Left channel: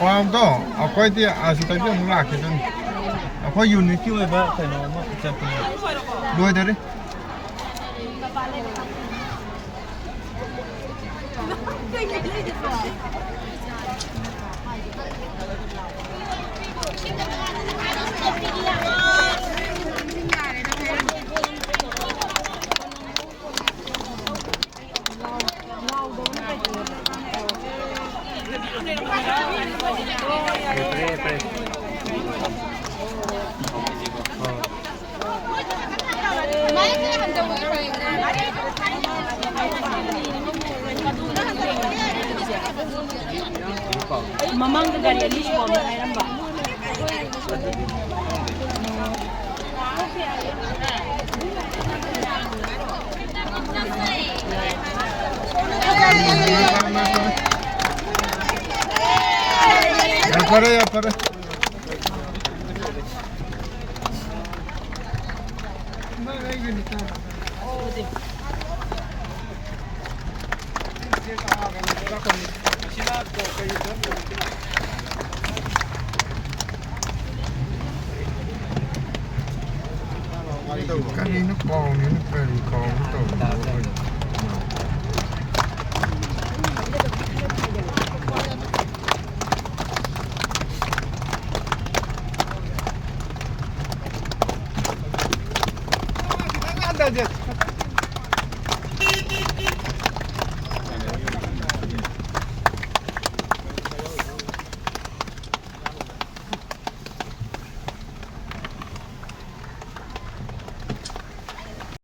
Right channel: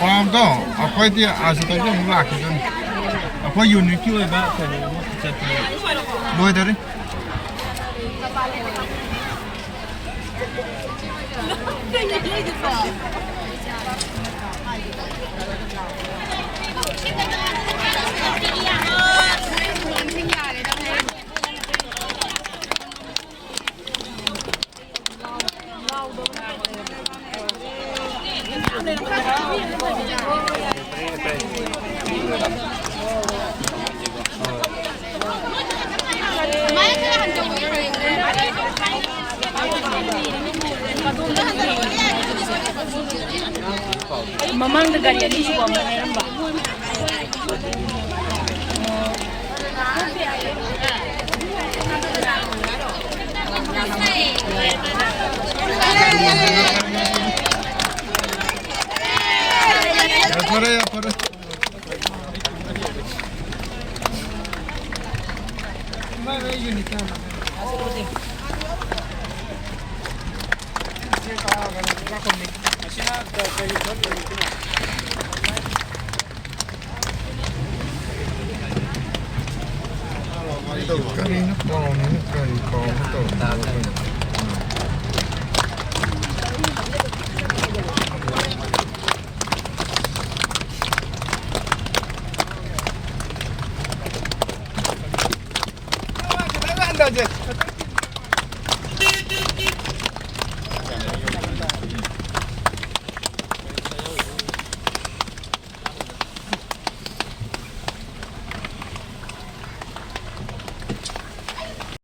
ความต้องเอาไปที่อาศัยที่มันลากขึ้นพออยู่ในที่ไว้บ้างแต่เนี่ยมันจะเป็นด้วยเด้อMamang negara ini semua mengenai nambah. Ya para. Kanina pa ako nung Anda aja.